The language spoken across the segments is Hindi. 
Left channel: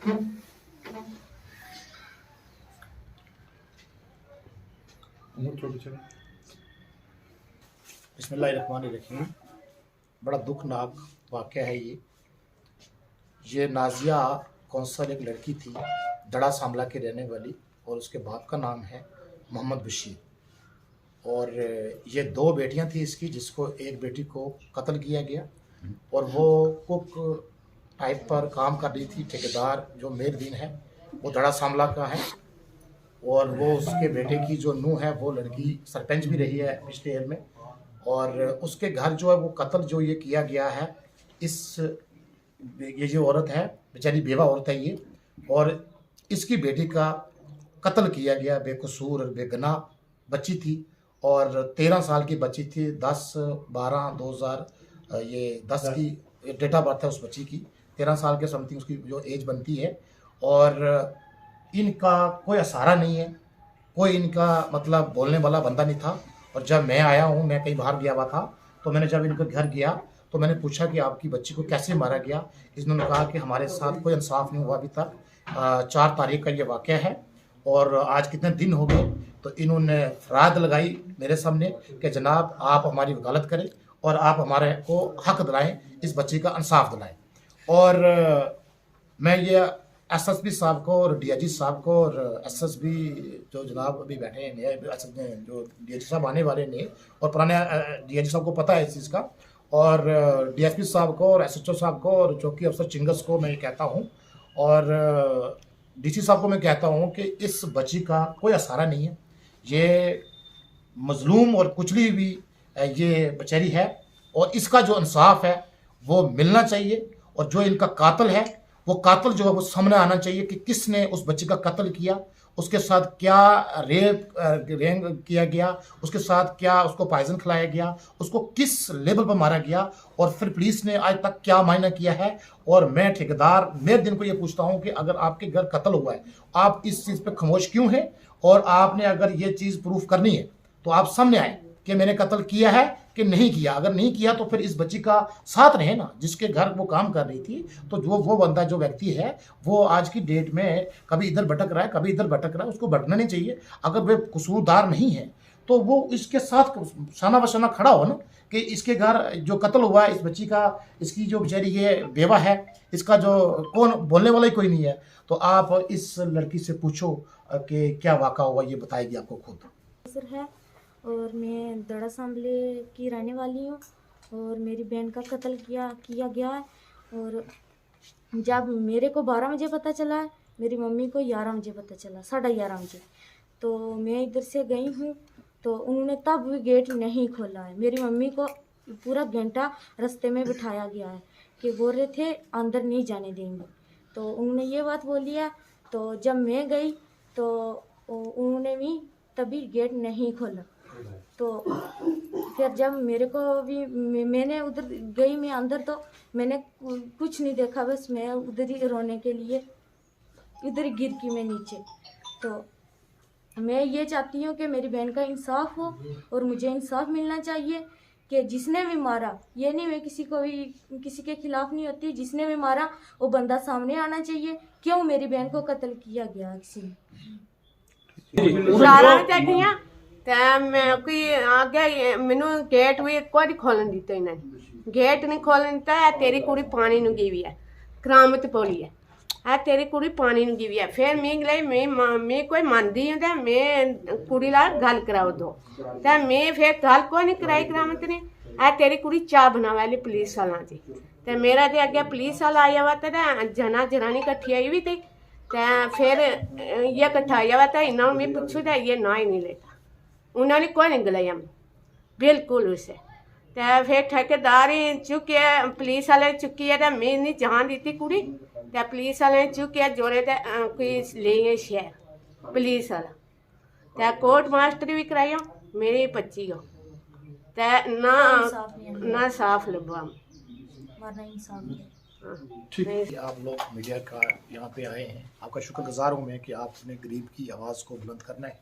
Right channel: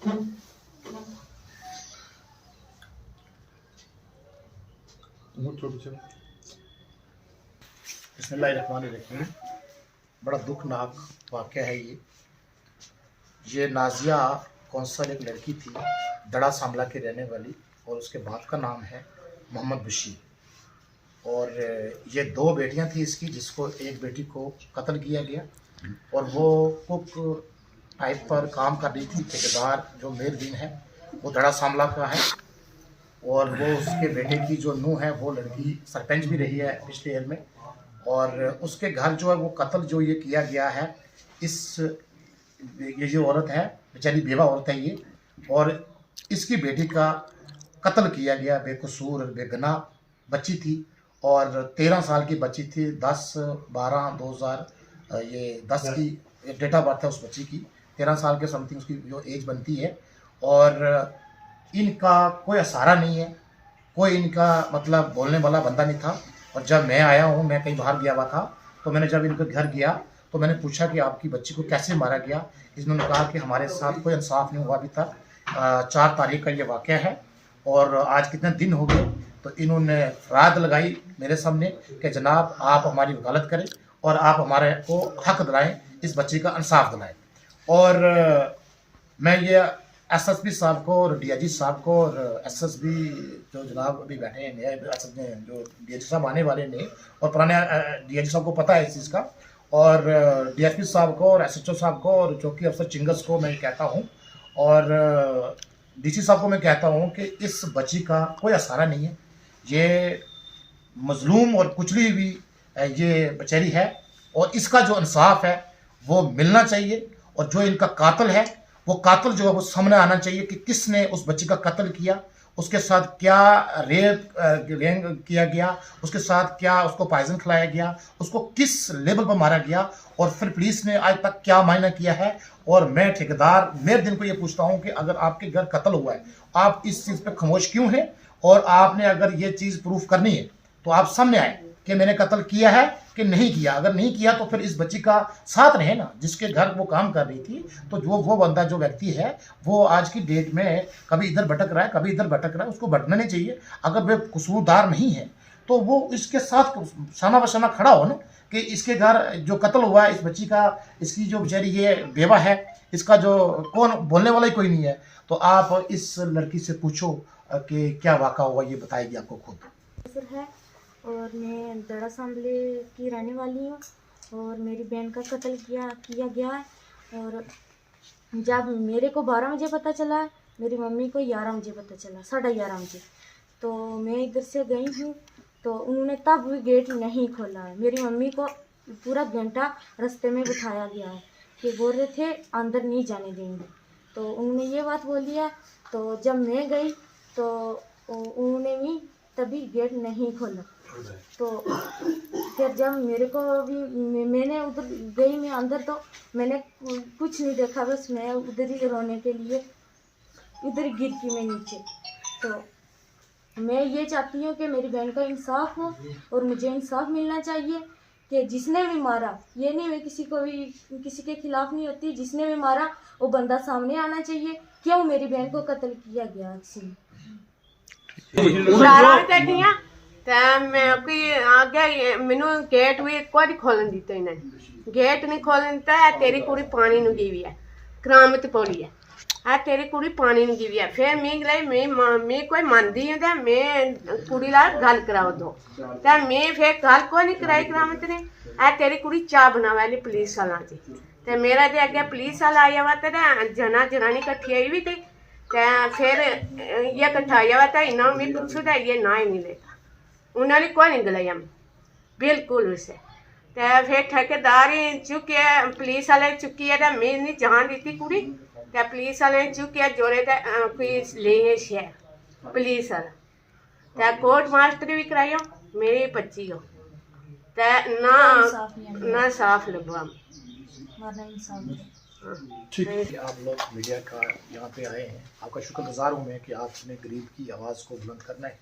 बिस्मिल्लाहिर्रहमानिर्रहीम। बड़ा दुखनाक वाक़या है ये नाजिया कौंसल एक लड़की थी, दड़ा सांबला की रहने वाली, और उसके बाप का नाम है मोहम्मद बशीर। और ये दो बेटियां थी इसकी, जिसको एक बेटी को कत्ल किया गया और वो कुक टाइप पर काम कर रही थी। ठेकेदार जो मेहरदीन है वो दड़ा सांबला का है, और वो उसके बेटे की जो नूह है वो लड़की सरपंच भी रही है पिछले ईयर में। और उसके घर जो है वो कत्ल जो ये किया गया है, ये जो औरत है बेचारी बेवा औरत है ये, और इसकी बेटी का कत्ल किया गया। बेकसूर बेगना बच्ची थी और 13 साल की बच्ची थी। 10/12/2010 की डेट ऑफ बर्थ है उस बच्ची की। 13 साल के समथिंग उसकी जो एज बनती है। और इनका कोई सहारा नहीं है, कोई इनका मतलब बोलने वाला बंदा नहीं था। और जब मैं आया हूँ, मैं कहीं बाहर गया हुआ था, तो मैंने जब इनके घर गया तो मैंने पूछा कि आपकी बच्ची को कैसे मारा गया। इन्होंने कहा कि हमारे साथ कोई इंसाफ नहीं हुआ अभी तक। 4 तारीख का ये वाक़या है और आज कितने दिन हो गए। तो इन्होंने फरियाद लगाई मेरे सामने कि जनाब आप हमारी वकालत करें और आप हमारे को हक दिलाएं, इस बच्ची का इंसाफ दिलाएं। और मैं ये एसएसपी साहब को और डीआईजी साहब को और एसएसपी जो जनाब अभी बैठे हैं नए जो डीआईजी साहब आने वाले ने, और पुराने डीआईजी साहब को पता है इस चीज़ का, और डीएसपी साहब को और एसएचओ साहब को और चौकी अफसर चिंगस को मैं कहता हूँ, और डीसी साहब को मैं कहता हूँ कि इस बच्ची का कोई सहारा नहीं है। ये मजलूम और कुचली हुई ये बेचारी है, और इसका जो इंसाफ है वो मिलना चाहिए। और जो इनका कातिल है वो कातिल जो है वो सामने आना चाहिए कि किसने उस बच्ची का कत्ल किया, उसके साथ क्या रेप किया गया, उसके साथ क्या उसको पॉइजन खिलाया गया, उसको किस लेवल पर मारा गया, और फिर पुलिस ने आज तक क्या मायना किया है। और मैं ठेकेदार मेरे दिन को ये पूछता हूँ कि अगर आपके घर कत्ल हुआ है, आप इस चीज़ पे खामोश क्यों हैं? और आपने अगर ये चीज़ प्रूफ करनी है तो आप सामने आए कि मैंने कत्ल किया है कि नहीं किया। अगर नहीं किया तो फिर इस बच्ची का साथ रहे ना, जिसके घर वो काम कर रही थी। तो जो वो बंदा जो व्यक्ति है वो आज की डेट में कभी इधर भटक रहा है, कभी इधर भटक रहा है, उसको भटकना नहीं चाहिए। अगर वे कसूरदार नहीं है तो वो इसके साथ शाना बशाना खड़ा हो ना, कि इसके घर जो कत्ल हुआ है इस बच्ची का, इसकी जो बेचारी ये बेवा है, इसका जो कौन बोलने वाला ही कोई नहीं है। तो आप इस लड़की से पूछो कि क्या वाक़ा हुआ, ये बताएगी आपको खुद। सर है, और मैं दड़ा सांबले की रहने वाली हूँ, और मेरी बहन का कत्ल किया गया है। और जब मेरे को 12 बजे पता चला, मेरी मम्मी को 11 बजे पता चला, 11:30 बजे। तो मैं इधर से गई हूँ तो उन्होंने तब भी गेट नहीं खोला है। मेरी मम्मी को पूरा घंटा रास्ते में बिठाया गया है कि बोल रहे थे अंदर नहीं जाने देंगे। तो उन्होंने ये बात बोली है। तो जब मैं गई तो उन्होंने भी तभी गेट नहीं खोला। तो फिर जब मेरे को भी मैंने उधर गई, मैं अंदर, तो मैंने कुछ नहीं देखा, बस मैं उधर ही रोने के लिए उधर ही गिर की मैं नीचे। तो मैं ये चाहती हूँ कि मेरी बहन का इंसाफ हो, और मुझे इंसाफ मिलना चाहिए कि जिसने भी मारा, ये नहीं मैं किसी के खिलाफ नहीं होती, जिसने भी मारा वो बंदा सामने आना चाहिए। क्यों मेरी बहन को कत्ल किया गया किसी ने? मैनू गेट भी एक बार खोलन दिता, इन्होंने गेट नहीं खोलन दिता। तेरी कुड़ी पानी नू गिवी है, करामत पौड़ी है, तेरी कुड़ी पानी नू गिवी है। फिर मैं कोई मनदी हूँ तो मैं कुड़ी ला गल कराओ दो, तो मैं फिर गल कोई नहीं कराई करामत ने। तेरी कुड़ी चाह बना वाली पुलिस वाला थी, तो मेरा तो अगे पुलिस वाला आया हुआ था, जना जनानी कट्ठी आई हुई थी। तो फिर ये कट्ठा आया हुआ था, इन्होंने भी पूछू तो ये ना ही नहीं लेता, उन्होंने कोई नहीं गलाया बिल्कुल उसे। तो फिर ठेकेदार ही चुके, पुलिस वाले चुकी है, तो मैं नहीं जान दी थी कुड़ी। तो पुलिस वाले चुके जोड़े तो कोई ले शहर पुलिस वाला, तो कोर्ट मास्टर भी कराया मेरी बच्ची को, तो ना साफ लगा। ठीक है, आप लोग मीडिया का यहाँ पे आए हैं, आपका शुक्रगुजार हूँ मैं कि आपने गरीब की आवाज़ को बुलंद करना है।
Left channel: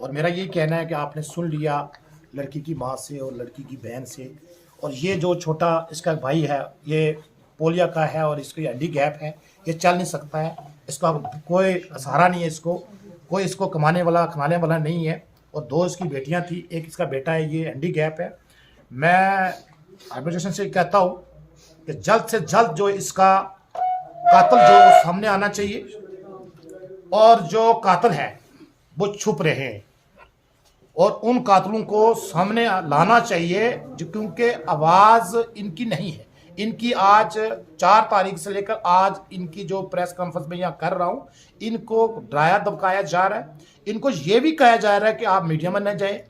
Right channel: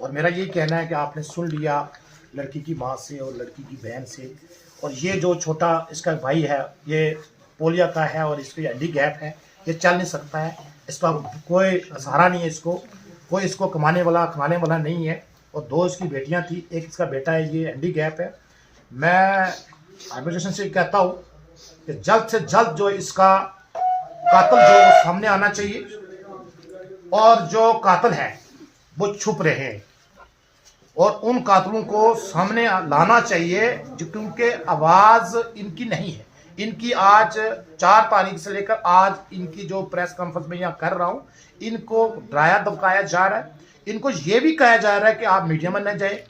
और मेरा यही कहना है कि आपने सुन लिया लड़की की माँ से और लड़की की बहन से। और ये जो छोटा इसका भाई है ये पोलिया का है और इसकी हड्डी गैप है, ये चल नहीं सकता है, इसका कोई सहारा नहीं है, इसको कोई इसको कमाने वाला खिलाने वाला नहीं है। और 2 इसकी बेटियां थी, एक इसका बेटा है, ये हैंडीकैप है। मैं एडमिनिस्ट्रेशन से कहता हूँ कि जल्द से जल्द जो इसका कातिल जो है वो सामने आना चाहिए, और जो कातिल है वो छुप रहे हैं, और उन कातिलों को सामने लाना चाहिए, जो क्योंकि आवाज़ इनकी नहीं है। इनकी आज 4 तारीख से लेकर आज इनकी जो प्रेस कॉन्फ्रेंस में यहाँ कर रहा हूँ, इनको डराया धमकाया जा रहा है। इनको ये भी कहा जा रहा है कि आप मीडिया में न जाए,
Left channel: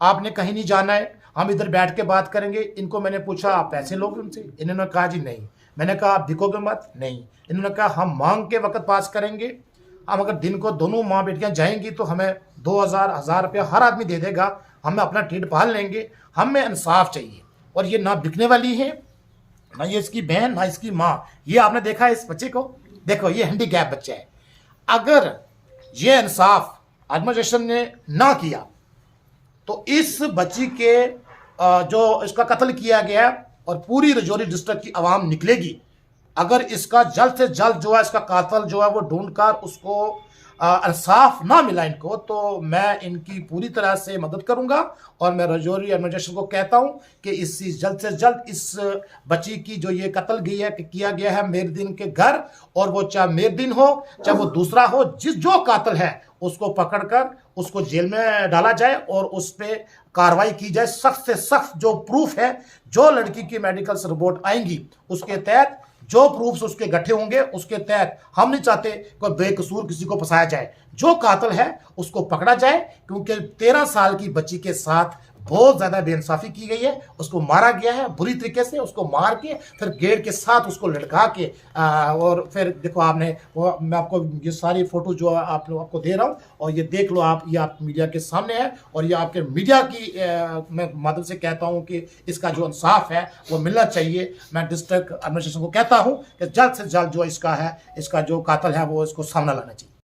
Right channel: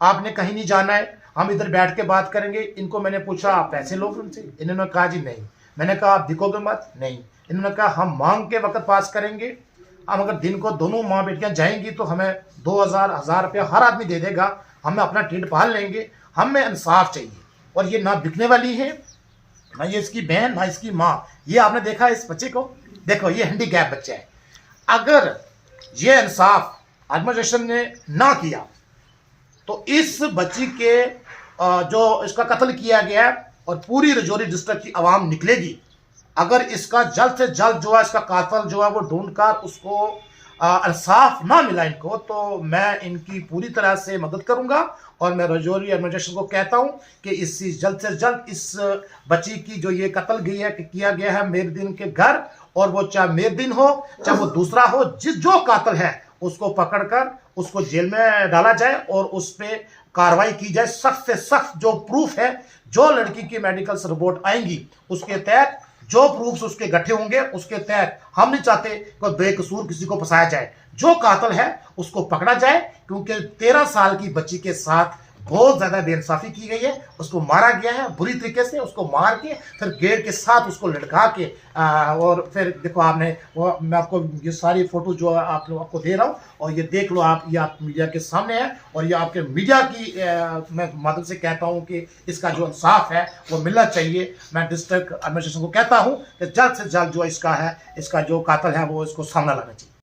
आपने कहीं नहीं जाना है, हम इधर बैठ के बात करेंगे। इनको मैंने पूछा आप पैसे लोगे उनसे? इन्होंने कहा जी नहीं। मैंने कहा आप दिखोगे मत? नहीं। इन्होंने कहा हम मांग के वक्त पास करेंगे, हम अगर दिन को दोनों माँ बेटियां जाएंगी तो हमें 2000 रुपया हर आदमी दे देगा, हमें अपना ढिड पाल लेंगे, हमें इंसाफ चाहिए। और ये ना बिकने वाली है, ना ये इसकी बहन, ना इसकी माँ। ये आपने देखा इस बच्चे को, देखो ये हैंडीकैप बच्चा है। अगर ये इंसाफ एडमिनिस्ट्रेशन ने ना किया तो इस बच्ची के जो इसका कत्ल किया गया और पूरी रजौरी डिस्ट्रिक्ट की आवाम निकलेगी। अगर इसका जल्द से जल्द जो है इसका कातिल जो है वो ढूंढकर उसको इंसाफ ना मिला इनको, तो मैं इनकी पूरी तरह से मदद करूंगा। और मैं रजौरी एडमिनिस्ट्रेशन को कहता हूं कि इससे जल्द से जल्द इस बच्ची की जो ये कत्ल गई है किया गया है मेहरदीन के घर, और वो चाहे मेहरदीन हो चाहे वो दूसरा हो, जो कातिल है उसको पकड़कर उसको जेल में डाला जाए और उस पर कार्रवाई की जाए। सख्त से सख्त जो प्रूफ है, जो लड़की की मेडिकल रिपोर्ट आएंगी उसके तहत जो प्रूफ्स उसके गठे होंगे उसके तहत हम नहीं चाहते कि बेकसूर किसी को फंसाया जाए। जो कातिल है उसको पकड़ा जाए, क्योंकि 13 साल की बच्ची के साथ बहुत ज़्यादा बेइंसाफी की गई है। उसको मारा गया है बुरी तरीके से, उसको मार के फिर गेट के साथ उसको लटका के और फिर देखो आपने वो, मैं आपको ये सारी फोटो जो आप लोग आपको दे रहा हूँ, और ये देख लो आप, ये आप मीडिया के सामने है। और ये आपके मीडिया की मैं माध्यम से कहता हूँ कि इसका जो इंसाफ है वो मिलना चाहिए। मैं डिस्ट्रिक्ट एडमिनिस्ट्रेशन को कहता हूँ कि जल्द से जल्द जो इसका है, इसका जो कातिल है वो इसको सामने लाना चाहिए।